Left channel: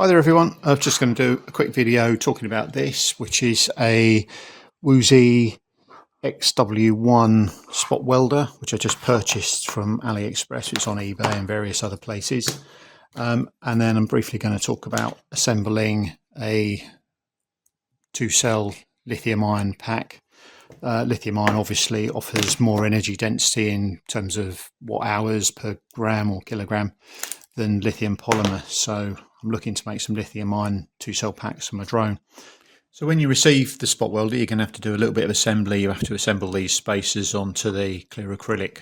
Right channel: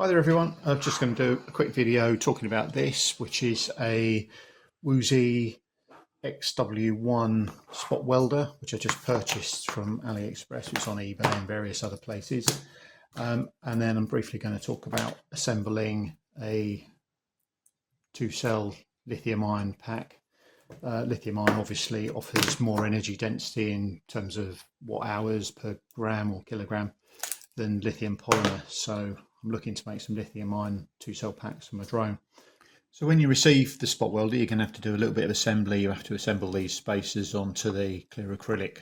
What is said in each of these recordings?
Hi there everyone, I'm just going to do a quick video talking about this, which is a Wuzhi ZK-XW1 Spot Welder, which I just purchased from Aliexpress. It's on eBay and various other places. And then I'm briefly going to talk about assembling a 2-cell lithium ion pack. Lithium ion obviously offers more energy density in terms of watt hours per gram or kilogram than lithium polymer, so I'm looking to make some lithium ion 2-cell packs for my drone. So when you receive the spot welder, you're going to have to do a little bit of assembly. You have to assemble these spacers onto the clear acrylic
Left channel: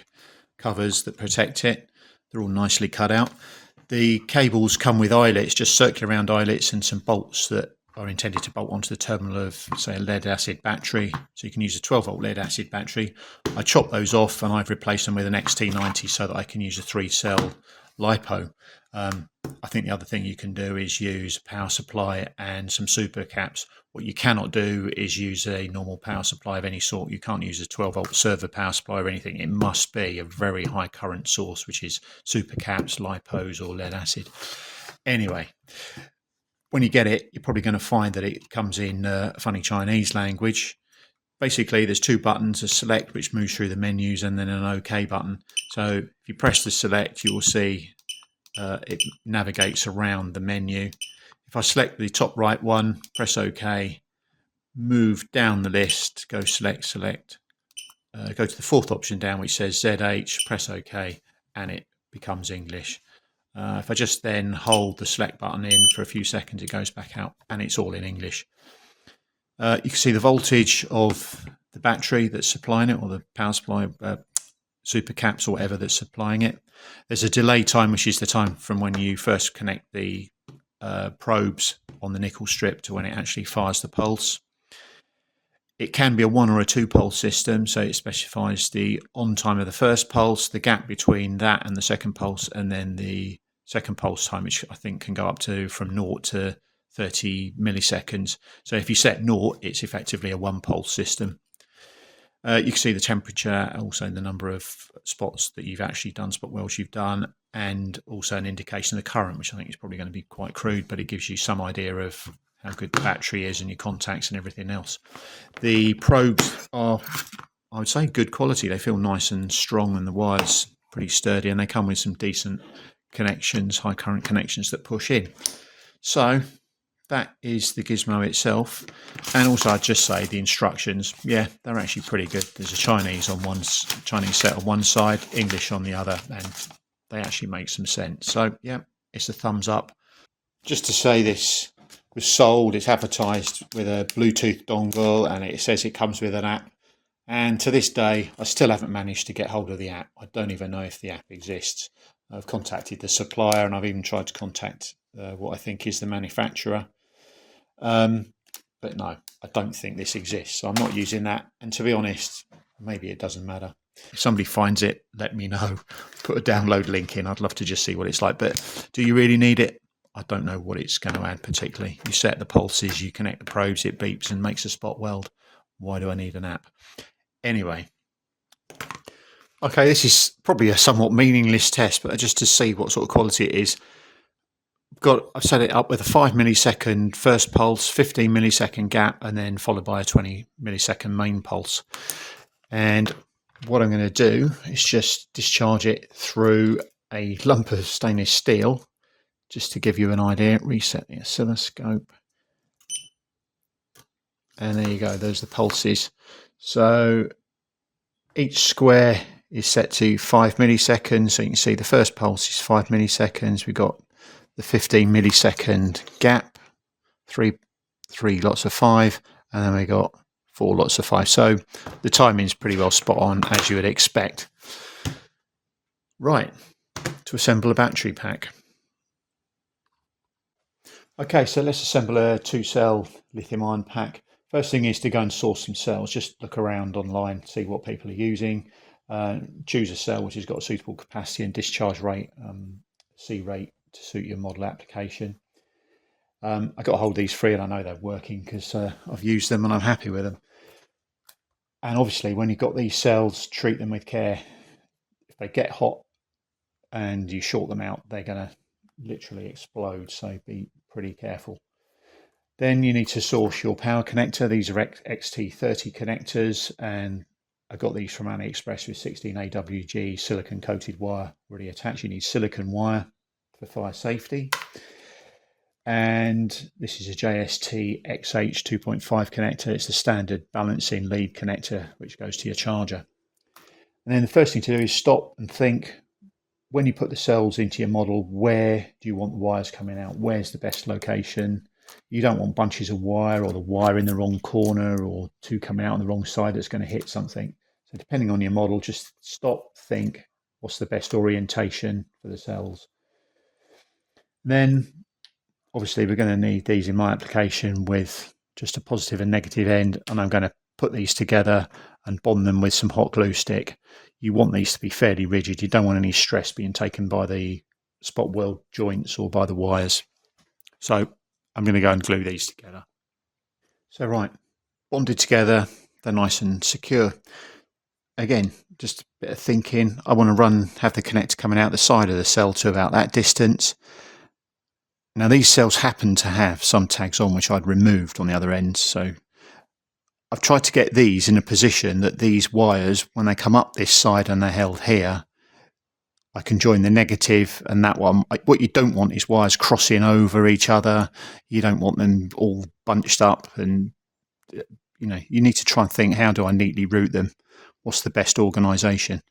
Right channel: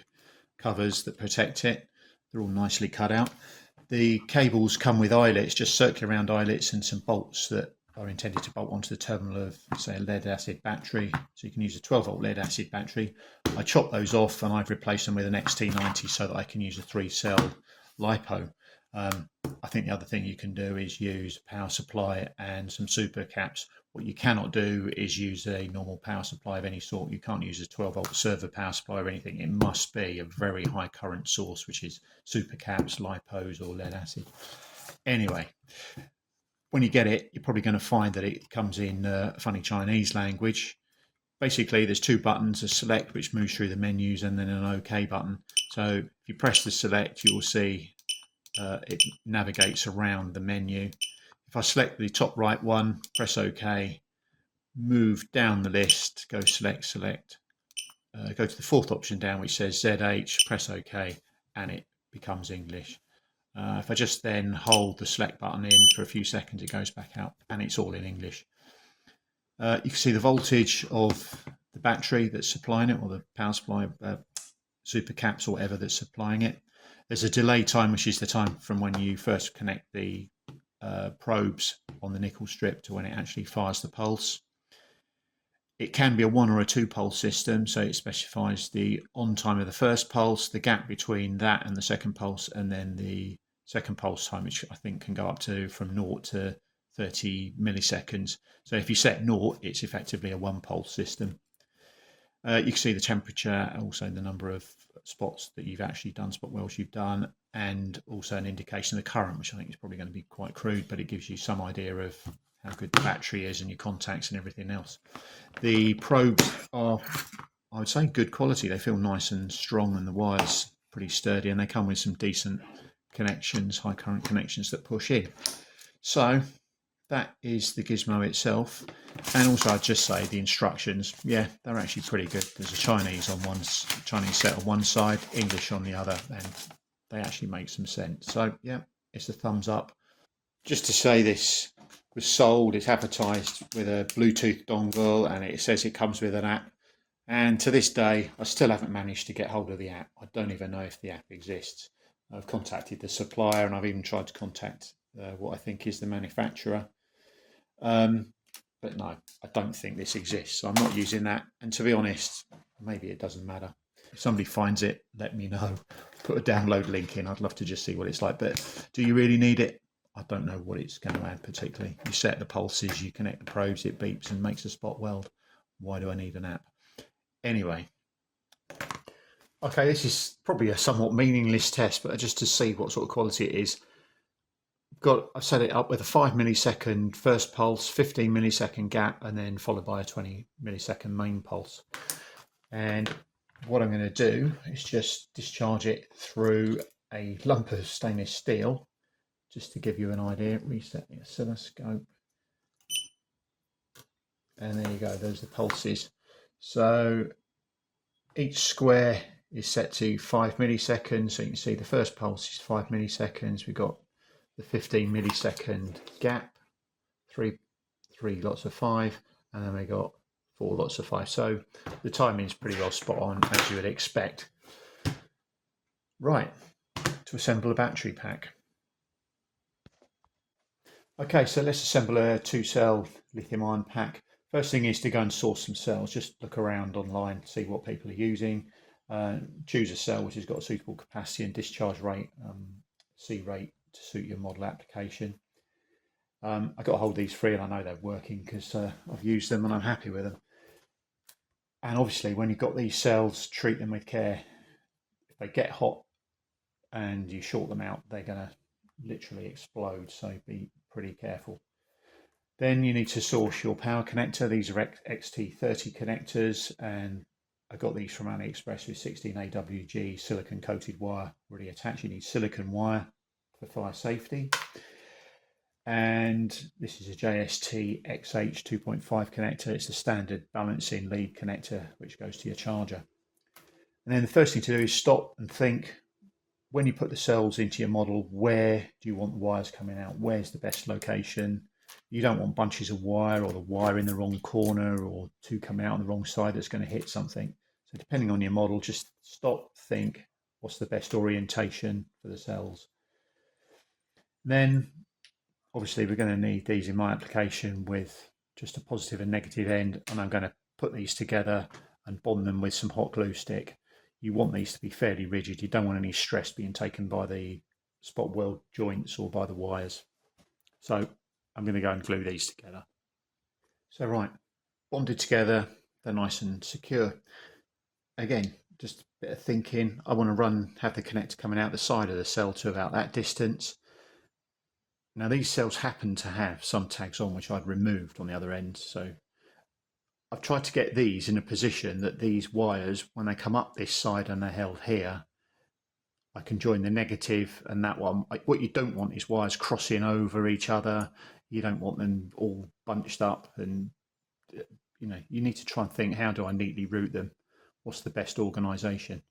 covers that protect it. They're all nicely cut out. The cables come with eyelets, just circular round eyelets, and some bolts that are intended to bolt onto the terminal of, say, a lead acid battery. So you can use a 12-volt lead acid battery. I chopped those off and I've replaced them with an XT90 so that I can use a 3-cell LiPo. I think the other thing you can do is use a power supply and some super caps. What you cannot do is use a normal power supply of any sort. You can't use a 12-volt server power supply or anything. It must be a very high current source, which is super caps, LiPos or lead acid. Anyway, when you get it, you're probably going to find that it comes in a funny Chinese language. Basically, there's 2 buttons, a select which moves through the menus, and then an OK button. So if you press the select, you will see it navigates around the menu. If I select the top right one, press OK, move down the list, go select, go to the 4th option down which says ZH, press OK, and it becomes English. If I just then hold the select button in for a few seconds, it goes back out and it's all in English. You can see the voltage of the battery that's supplying it, or the power supply, super caps or whatever that's supplying it. There's a delay time, which is the time from when you first connect the probes on the nickel strip to when it actually fires the pulse. It can be a 1 or a 2 pulse system, so it specifies the on time of the first pulse, the gap between that and the second pulse, and then the second pulse time, which I think can go up to from 0 to 30 milliseconds. So if you set 0, it's effectively a 1 pulse system. You can see the temperature, also the number of spots that you've actually done, spot welds you've done, and also an indication of the current, which I think is probably going to be quite crude, but it gives you some idea of how good the battery is and your contacts and everything else. The probes are, I would say, good quality. They feel nice and strong, and the wires pretty sturdy, and they come with some decent connections, high current connections that push in. So that is the gizmo itself. And also I'd just say the instructions, yeah, they're actually pretty good. There's a Chinese set on one side, English on the other, and they actually make some sense. So yeah, it's a thumbs up. Just to say, this was sold, it's advertised with a Bluetooth dongle, and it says it comes with an app. And to this day, I still haven't managed to get hold of the app. I don't even know if the app exists. I've contacted the supplier, and I've even tried to contact what I think is the manufacturer. But no, I don't think this exists. So I'm not using that. And to be honest, maybe it doesn't matter. If somebody finds it, let me know. Put a download link in. I'd love to just see what it's like. But do you really need it? I don't know what it's going to add particularly. You set the pulses, you connect the probes, it beeps and makes a spot weld. Why do I need an app? Anyway. Okay, this is probably a somewhat meaningless test, but just to see what sort of quality it is. I've set it up with a 5 millisecond first pulse, 15 millisecond gap, and then followed by a 20 millisecond main pulse. And what I'm going to do is just discharge it through a lump of stainless steel, just to give you an idea. Reset the oscilloscope. And there you go, those are the pulses. So each square is set to 5 milliseconds. So you can see the first pulse is 5 milliseconds. We've got the 15 millisecond gap, three lots of 5, and then we got 4 lots of 5. So the timing is pretty well spot on, as you would expect. Right, to assemble a battery pack. Okay, so let's assemble a 2-cell lithium ion pack. First thing is to go and source some cells. Just look around online, see what people are using. Choose a cell which has got a suitable capacity and discharge rate, C rate, to suit your model application. I got a hold of these 3 and I know they're working because I've used them and I'm happy with them. And obviously when you've got these cells, treat them with care. If they get hot and you short them out, they're going to literally explode, so be pretty careful. Then you need to source your power connector. These are XT30 connectors, and I got these from Aliexpress with 16 AWG silicon coated wire already attached. You need silicon wire for fire safety. And this is a JST XH2.5 connector. It's the standard balancing lead connector, which goes to your charger. And then the first thing to do is stop and think, when you put the cells into your model, where do you want the wires coming out? Where's the best location? You don't want bunches of wire or the wire in the wrong corner or two coming out on the wrong side that's going to hit something. So depending on your model, just stop, think, what's the best orientation for the cells? Then obviously we're going to need these in my application with just a positive and negative end, and I'm going to put these together and bond them with some hot glue stick. You want these to be fairly rigid. You don't want any stress being taken by the spot weld joints or by the wires. So I'm going to go and glue these together. So right, bonded together, they're nice and secure. Again, just a bit of thinking. I want to have the connector coming out the side of the cell to about that distance. Now these cells happen to have some tags on which I'd removed on the other end, so I've tried to get these in a position that these wires, when they come up this side and they're held here, I can join the negative and that one. What you don't want is wires crossing over each other. You don't want them all bunched up, and you need to try and think, how do I neatly route them? What's the best organisation?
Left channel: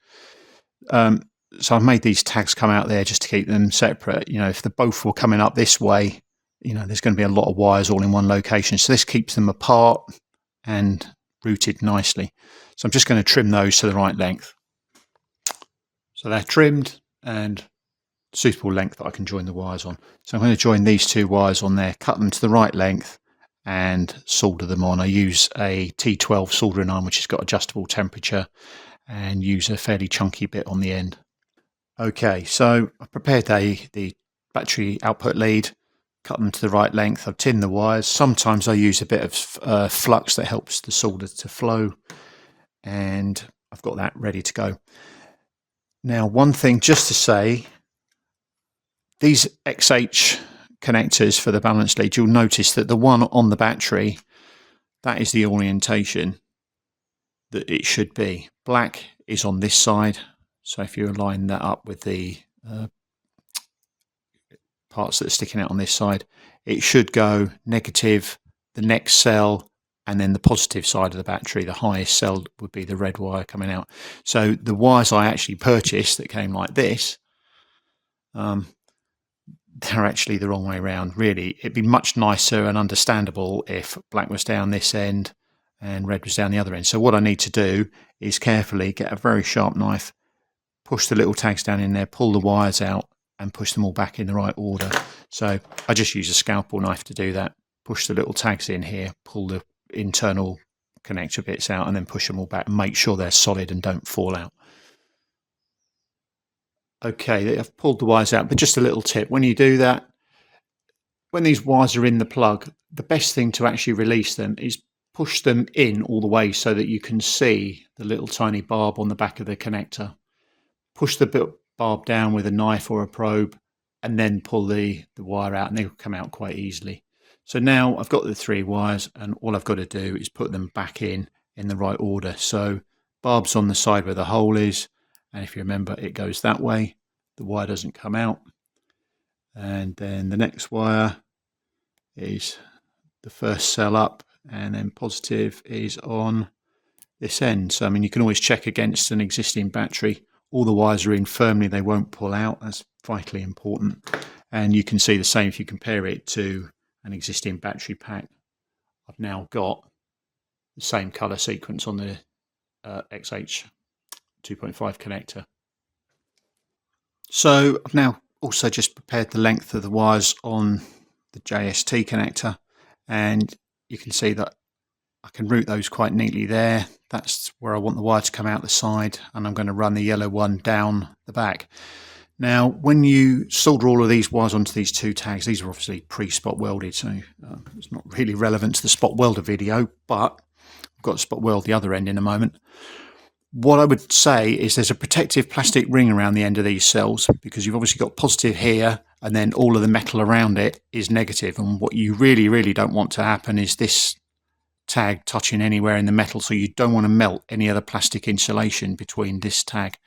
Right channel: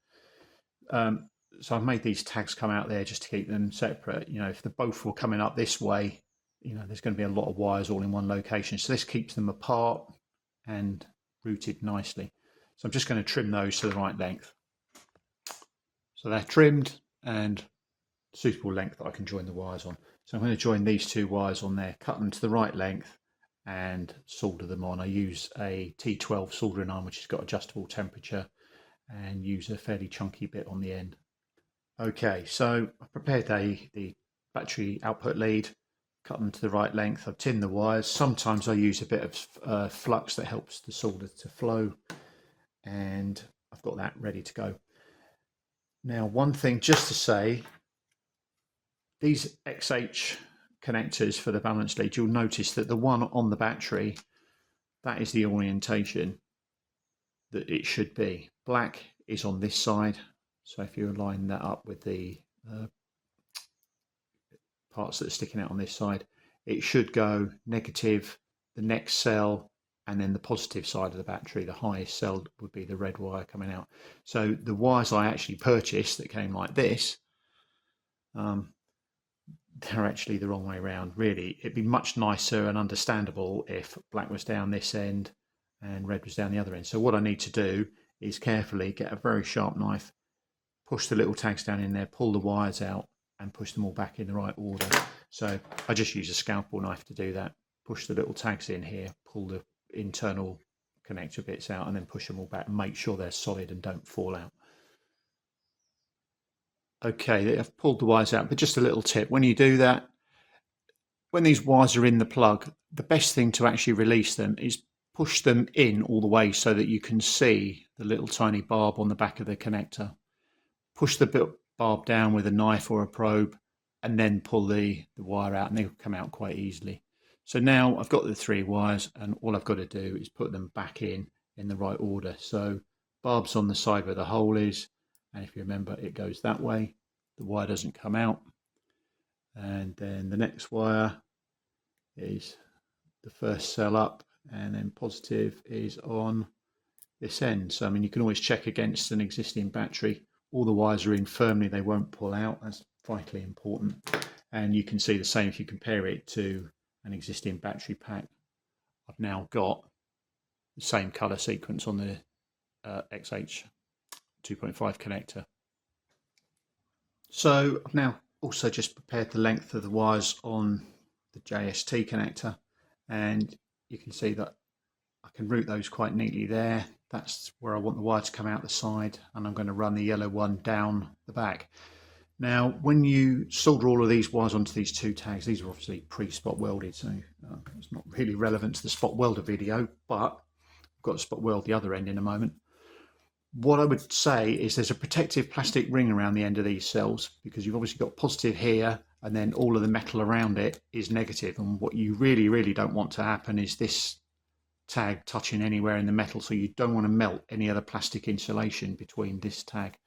So I've made these tags come out there just to keep them separate. If the both were coming up this way, there's going to be a lot of wires all in one location. So this keeps them apart and routed nicely. So I'm just going to trim those to the right length. So they're trimmed and suitable length that I can join the wires on. So I'm going to join these two wires on there, cut them to the right length and solder them on. I use a T12 soldering iron, which has got adjustable temperature, and use a fairly chunky bit on the end. Okay, so I've prepared the battery output lead, cut them to the right length. I've tinned the wires. Sometimes I use a bit of flux that helps the solder to flow, and I've got that ready to go. Now, one thing just to say, these XH connectors for the balance lead, you'll notice that the one on the battery, that is the orientation that it should be. Black is on this side. So if you line that up with the parts that are sticking out on this side, it should go negative, the next cell, and then the positive side of the battery. The highest cell would be the red wire coming out. So the wires I actually purchased that came like this, they're actually the wrong way around. Really, it'd be much nicer and understandable if black was down this end and red was down the other end. So what I need to do is carefully get a very sharp knife, push the little tags down in there, pull the wires out and push them all back in the right order. So I just use a scalpel knife to do that. Push the little tags in here, pull the internal connector bits out and then push them all back and make sure they're solid and don't fall out. Okay, I've pulled the wires out, but just a little tip. When you do that, when these wires are in the plug, the best thing to actually release them is push them in all the way so that you can see the little tiny barb on the back of the connector. Push the barb down with a knife or a probe and then pull the wire out, and they'll come out quite easily. So now I've got the three wires and all I've got to do is put them back in the right order. So barb's on the side where the hole is, and if you remember, it goes that way. The wire doesn't come out. And then the next wire is the first cell up, and then positive is on this end. So I mean, you can always check against an existing battery. All the wires are in firmly, they won't pull out. That's vitally important. And you can see the same if you compare it to an existing battery pack. I've now got the same color sequence on the XH 2.5 connector. So I've now also just prepared the length of the wires on the JST connector, and you can see that I can route those quite neatly there. That's where I want the wire to come out the side, and I'm going to run the yellow one down the back. Now, when you solder all of these wires onto these two tags, these are obviously pre-spot welded, so it's not really relevant to the spot welder video, but I've got to spot weld the other end in a moment. What I would say is there's a protective plastic ring around the end of these cells, because you've obviously got positive here and then all of the metal around it is negative. And what you really don't want to happen is this tag touching anywhere in the metal, so you don't want to melt any other plastic insulation between this tag.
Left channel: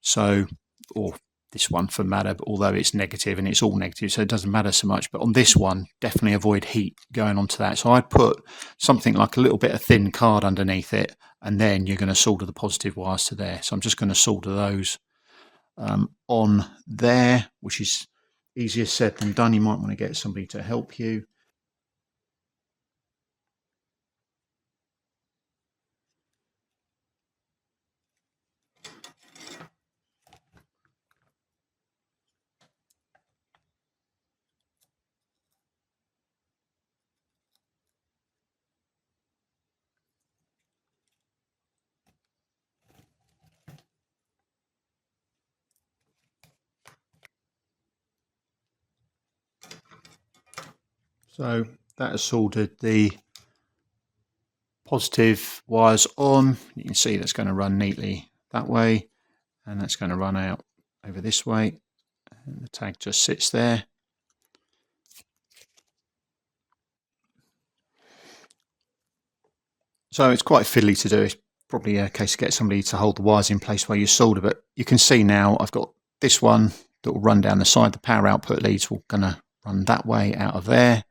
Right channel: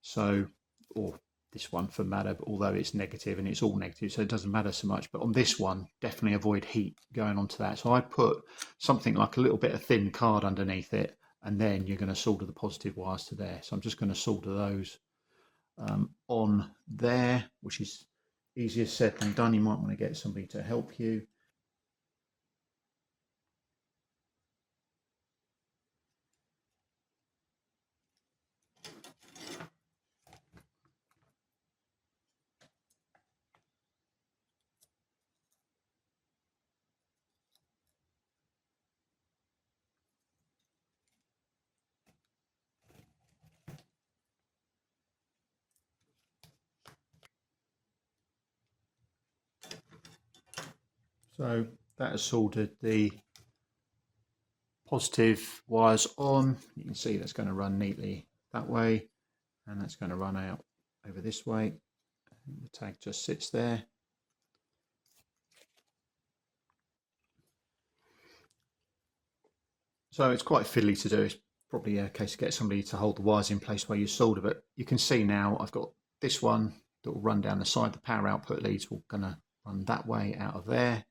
So, or this one for matter, although it's negative and it's all negative, so it doesn't matter so much. But on this one, definitely avoid heat going onto that. So I'd put something like a little bit of thin card underneath it, and then you're going to solder the positive wires to there. So I'm just going to solder those on there, which is easier said than done. You might want to get somebody to help you. So that has soldered the positive wires on. You can see that's going to run neatly that way, and that's going to run out over this way, and the tag just sits there. So it's quite fiddly to do. It's probably a case to get somebody to hold the wires in place while you solder, but you can see now I've got this one that will run down the side. The power output leads will going to run that way out of there,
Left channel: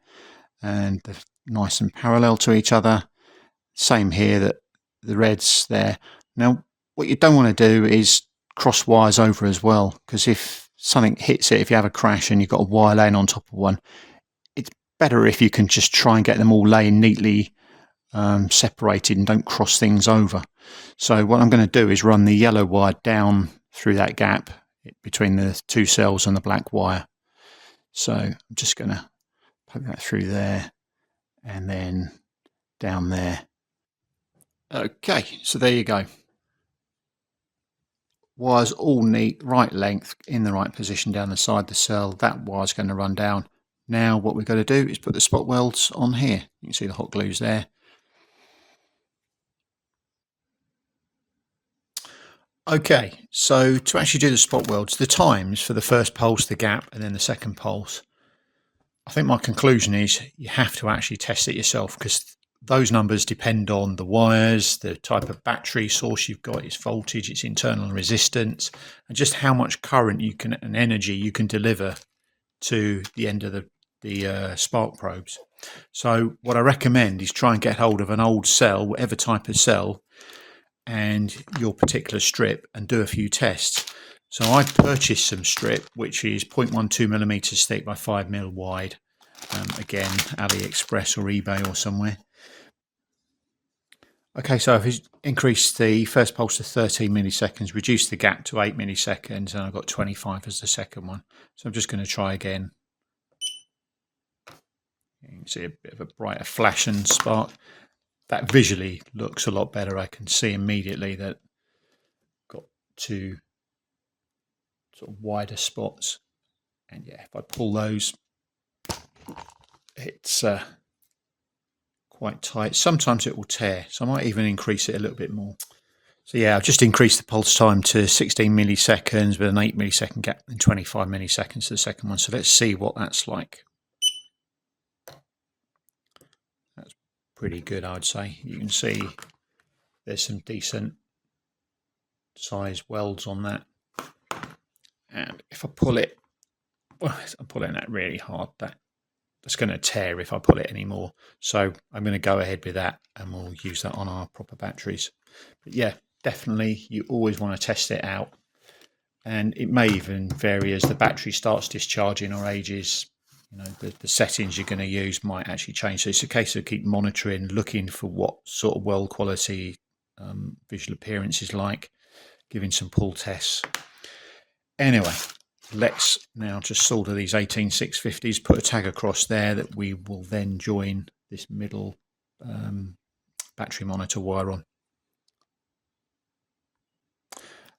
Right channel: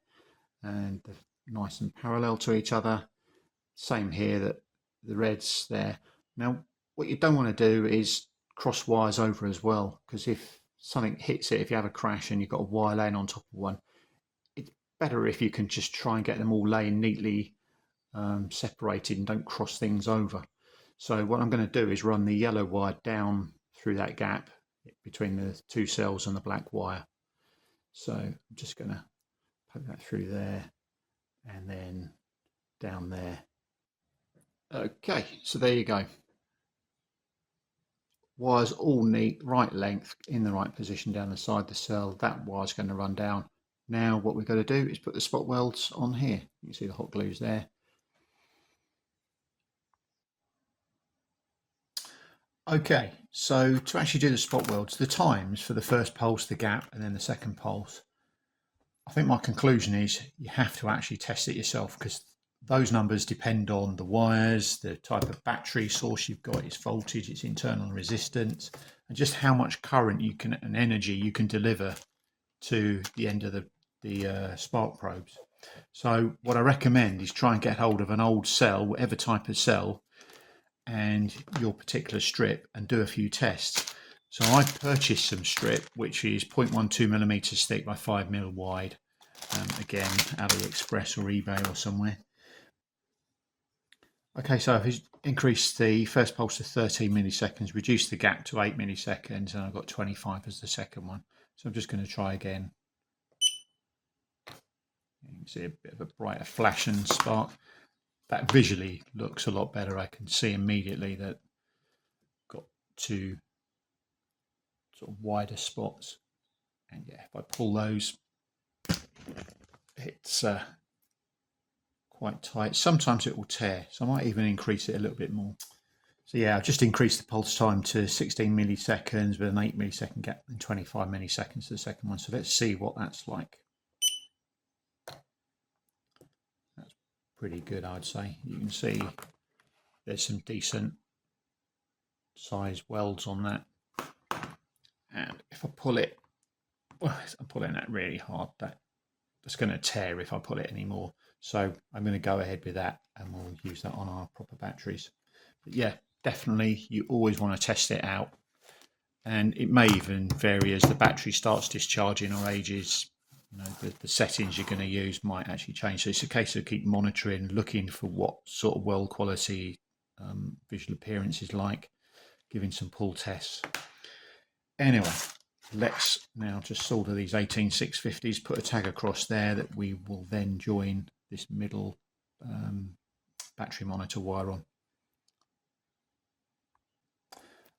and they're nice and parallel to each other. Same here, that the red's there. Now what you don't want to do is cross wires over as well, because if something hits it, if you have a crash and you've got a wire laying on top of one, it's better if you can just try and get them all laying neatly separated and don't cross things over. So what I'm going to do is run the yellow wire down through that gap between the two cells and the black wire. So I'm just going to poke that through there and then down there. Okay, so there you go. Wires all neat, right length, in the right position down the side of the cell. That wire's going to run down. Now what we've got to do is put the spot welds on here. You can see the hot glues there. Okay, so to actually do the spot welds, the times for the first pulse, the gap, and then the second pulse, I think my conclusion is you have to actually test it yourself, because those numbers depend on the wires, the type of battery source you've got, its voltage, its internal resistance, and just how much current you can and energy you can deliver to the end of the spark probes. So what I recommend is try and get hold of an old cell, whatever type of cell, and your particular strip, and do a few tests. So I purchased some strip which is 0.12mm thick by 5mm wide, again Aliexpress or eBay or somewhere. Okay, so I've increased the first pulse to 13 milliseconds, reduced the gap to 8 milliseconds, and I've got 25 as the second one. So I'm just going to try again. You can see a bit of a brighter flash and spark. That visually looks a lot better. I can see immediately that I've got two sort of wider spots, and yeah, if I pull those, it's quite tight. Sometimes it will tear, so I might even increase it a little bit more. So yeah, I've just increased the pulse time to 16 milliseconds with an 8 millisecond gap and 25 milliseconds to the second one. So let's see what that's like. That's pretty good, I'd say. You can see there's some decent size welds on that. And if I pull it, well, I'm pulling that really hard, that's going to tear if I pull it anymore. So I'm going to go ahead with that, and we'll use that on our proper batteries. But yeah, definitely you always want to test it out, and it may even vary as the battery starts discharging or ages. You know, the settings you're going to use might actually change. So it's a case of keep monitoring, looking for what sort of weld quality, visual appearance is like, giving some pull tests. Anyway, let's now just solder these 18650s, put a tag across there that we will then join this middle battery monitor wire on.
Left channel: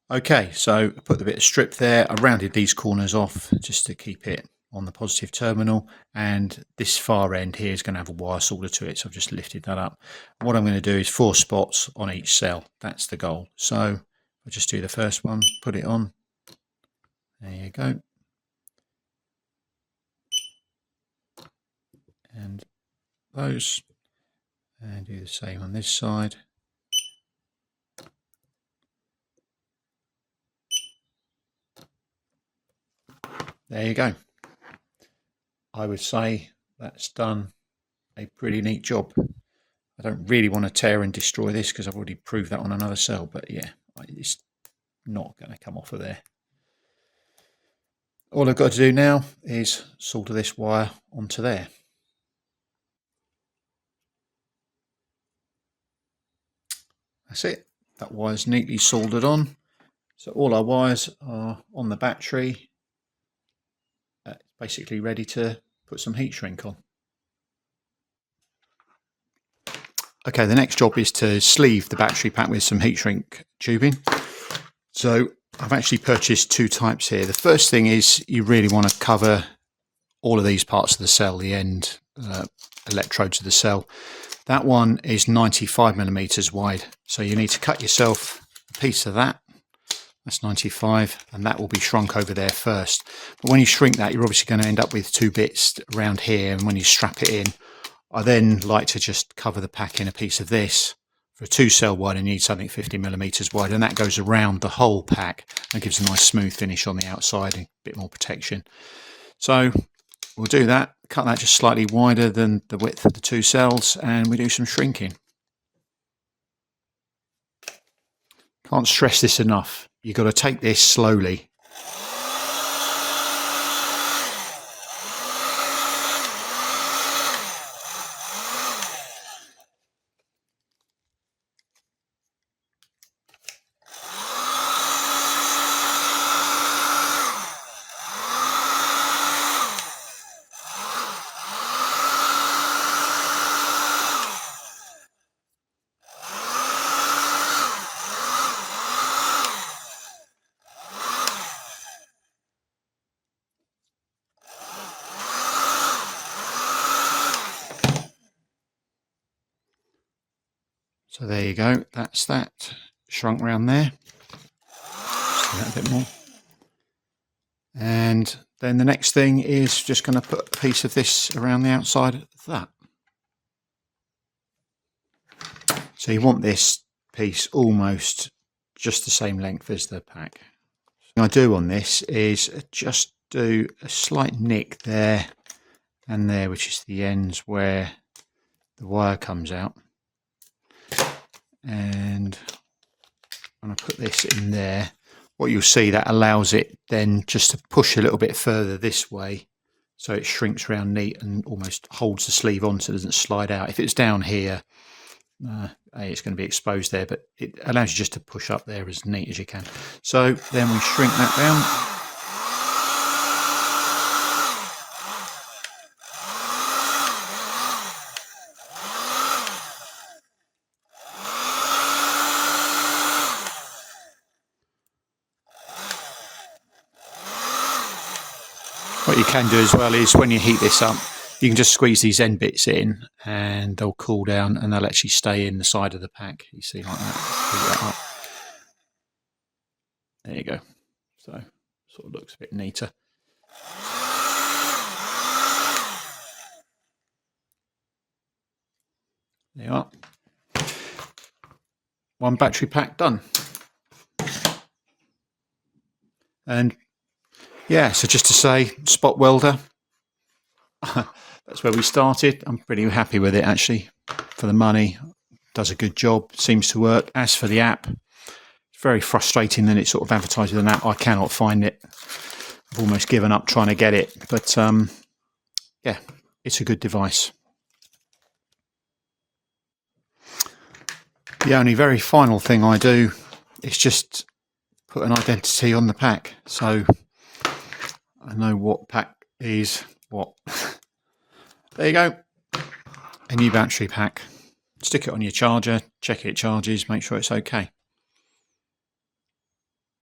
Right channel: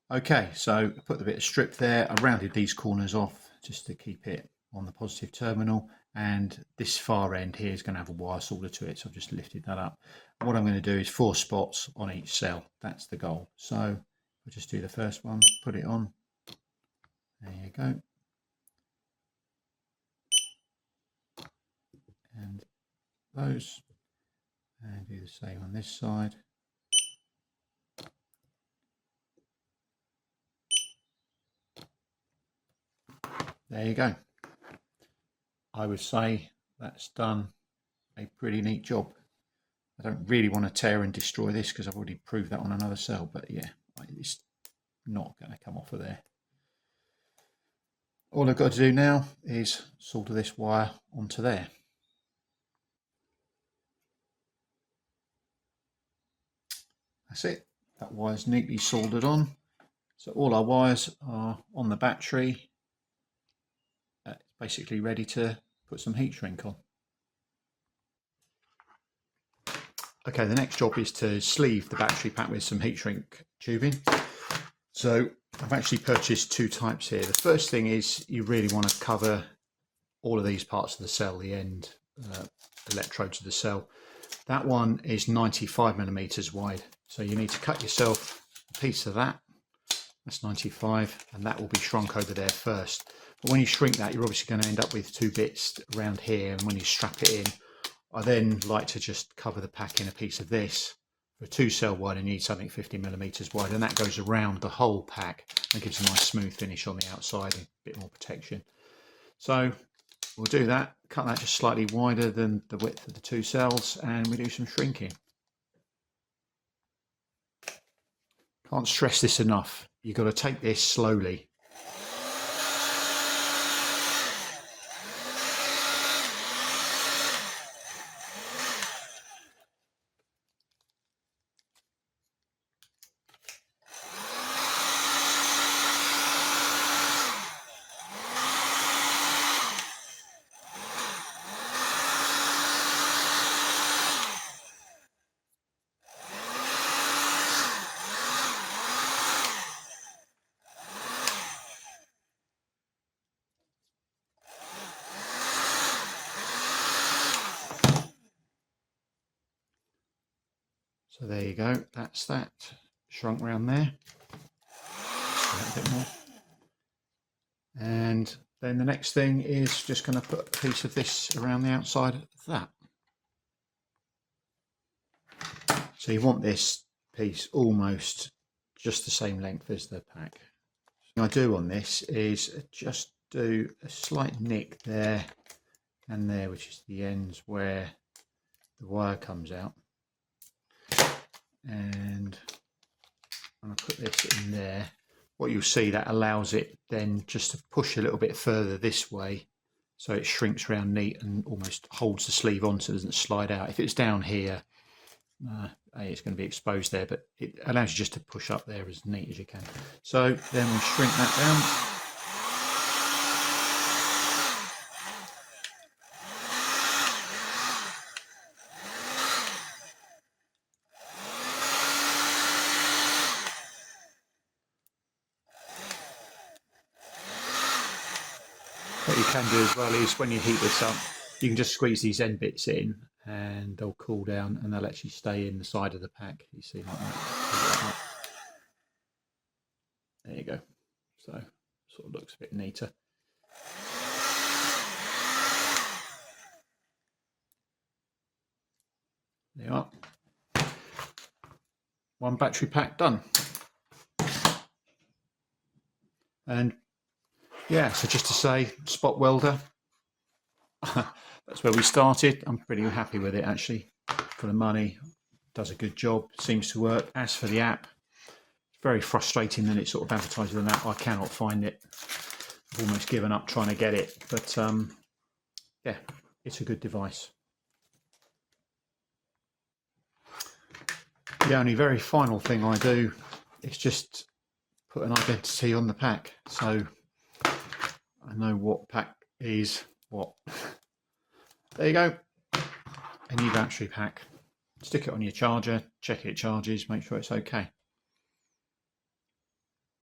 Okay, so I put the bit of strip there. I rounded these corners off just to keep it on the positive terminal, and this far end here is going to have a wire solder to it, so I've just lifted that up. What I'm going to do is 4 spots on each cell. That's the goal. So I'll just do the first one, put it on. There you go. those and do the same on this side. There you go. I would say that's done a pretty neat job. I don't really want to tear and destroy this because I've already proved that on another cell, but yeah, it's not going to come off of there. All I've got to do now is solder this wire onto there. That's it. That wire's neatly soldered on. So all our wires are on the battery, basically ready to put some heat shrink on. Okay, the next job is to sleeve the battery pack with some heat shrink tubing. So I've actually purchased two types here. The first thing is you really want to cover all of these parts of the cell, the end electrodes of the cell. That one is 95mm wide, so you need to cut yourself a piece of that. That's 95, and that will be shrunk over there first. But when you shrink that, you're obviously going to end up with two bits around here, and when you strap it in, I then like to just cover the pack in a piece of this. For a 2-cell wide, I need something 50mm wide, and that goes around the whole pack and gives a nice smooth finish on the outside, a bit more protection. So we'll do that, cut that just slightly wider than the width of the 2 cells, and we do some shrinking. Can't stress this enough. You've got to take this slowly. So there you go, that's that shrunk round there. Just a bit more. And then the next thing is just going to put a piece of this around the outside of that. So you want this piece almost just the same length as the pack. What I do on this is just do a slight nick there and there, which is the ends where the wire comes out. And when I put this in there, what you'll see, that allows it then just to push a little bit further this way, so it shrinks around neat and almost holds the sleeve on so it doesn't slide out. If it's down here, it's going to be exposed there, but it allows you just to push up there as neat as you can. So then we shrink that down. What you can do as well is when you heat this up, you can just squeeze these end bits in and they'll cool down and they'll actually stay in the side of the pack. You see, like that. Pull that up. There you go. So sort of looks a bit neater. There you are. One battery pack done. And yeah, so just to say, Spot Welder, that's where we started. I'm pretty happy with it, actually. For the money, does a good job, seems to work. As for the app, it's very frustrating that it's sort of advertised with an app. I cannot find it. I've almost given up trying to get it, but yeah, it's a good device. The only very final thing I do is just put an identity on the pack, so I know what pack is what. There you go, a new battery pack. Stick it on your charger, check it charges, make sure it's okay.